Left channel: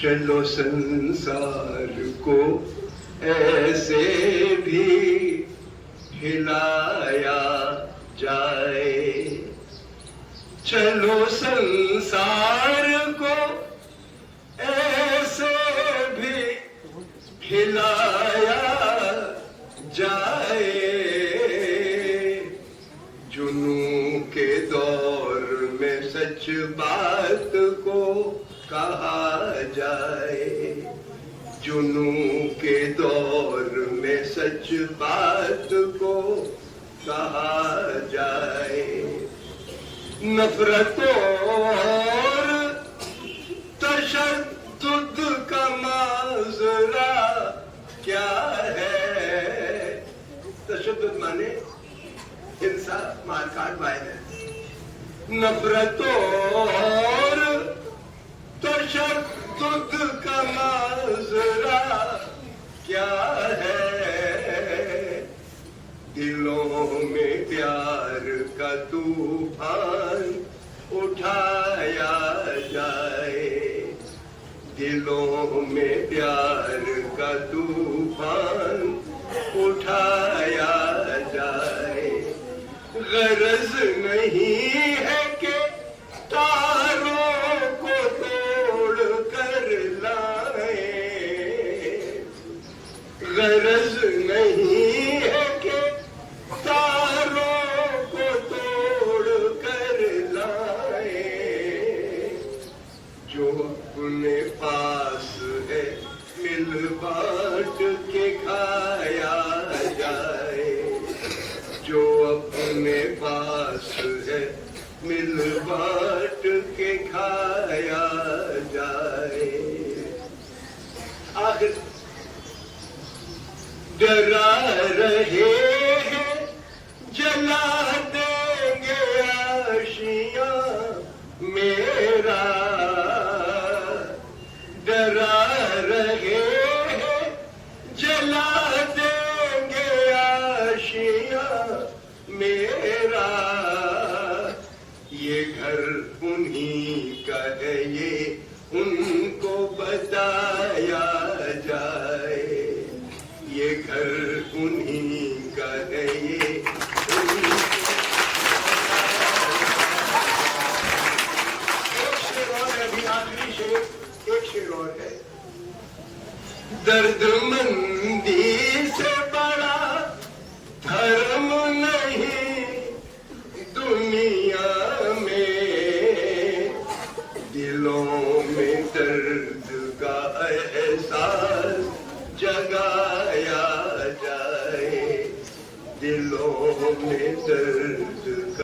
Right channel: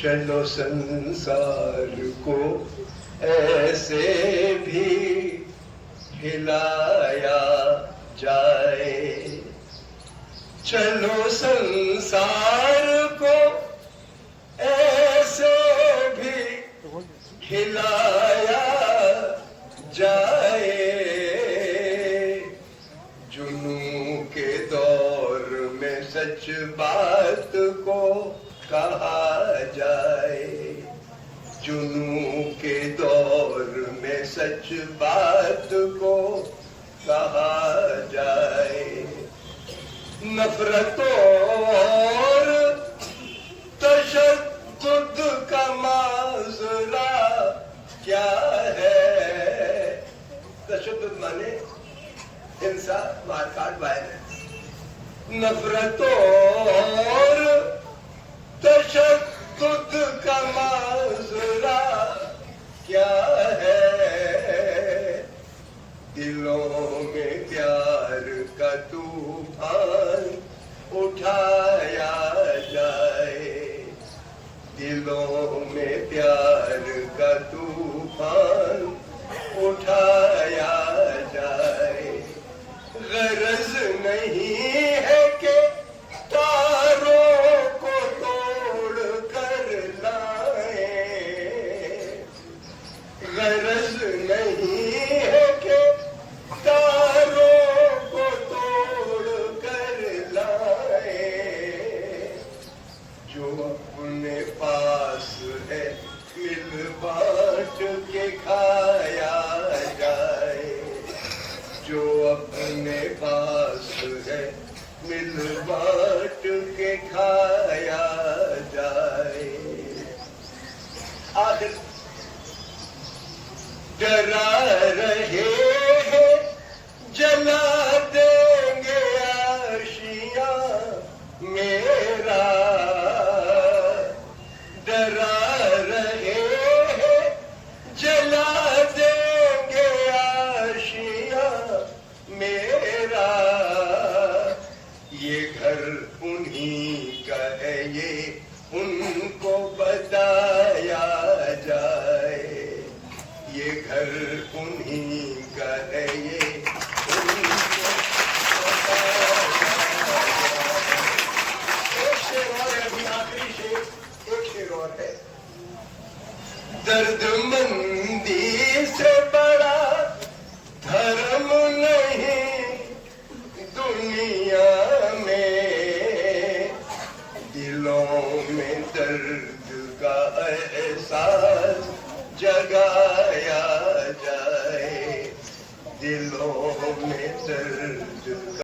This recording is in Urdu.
چلو سنسار کو ایسے بھی ہلایا جائے، چلو سنسار کو ایسے بھی ہلایا جائے، جنوں کے دور میں سچ بات کو کہا جائے، جنوں کے دور میں سچ بات کو کہا جائے، نفرتوں اور تشدد کا ماجرا کیا ہے؟ تشدد مانے ہنسا، مار کاٹ، وائلنس، نفرتوں اور تشدد کا ماجرا کیا ہے؟ دلوں میں پیار کا طوفان اٹھایا جائے، دلوں میں پیار کا طوفان اٹھایا جائے، غرض نہیں ہے کہ تاروں کو توڑ کر لائیں، غرض نہیں ہے کہ تاروں کو توڑ کر لائیں، جو اپنے پاس ہے مل بانٹ کے کھایا جائے، جو اپنے پاس ہے مل بانٹ کے کھایا جائے۔ آخر ڈرا رہے ہیں جلا دیں گے آشیاں میرا، ڈرا رہے ہیں جلا دیں گے آشیاں میرا، یہ گھر انہی کا ہے یہ ان کو بتایا جائے، یہ گھر انہی کا ہے یہ ان کو بتایا جائے۔ ایک شعر اور ہے، ابھی آخری شعر، ایک شعر اور ہے، درد مندی سے بڑا دھرم نہیں دنیا میں، دلوں میں درد کا احساس جگایا جائے، دلوں میں درد کا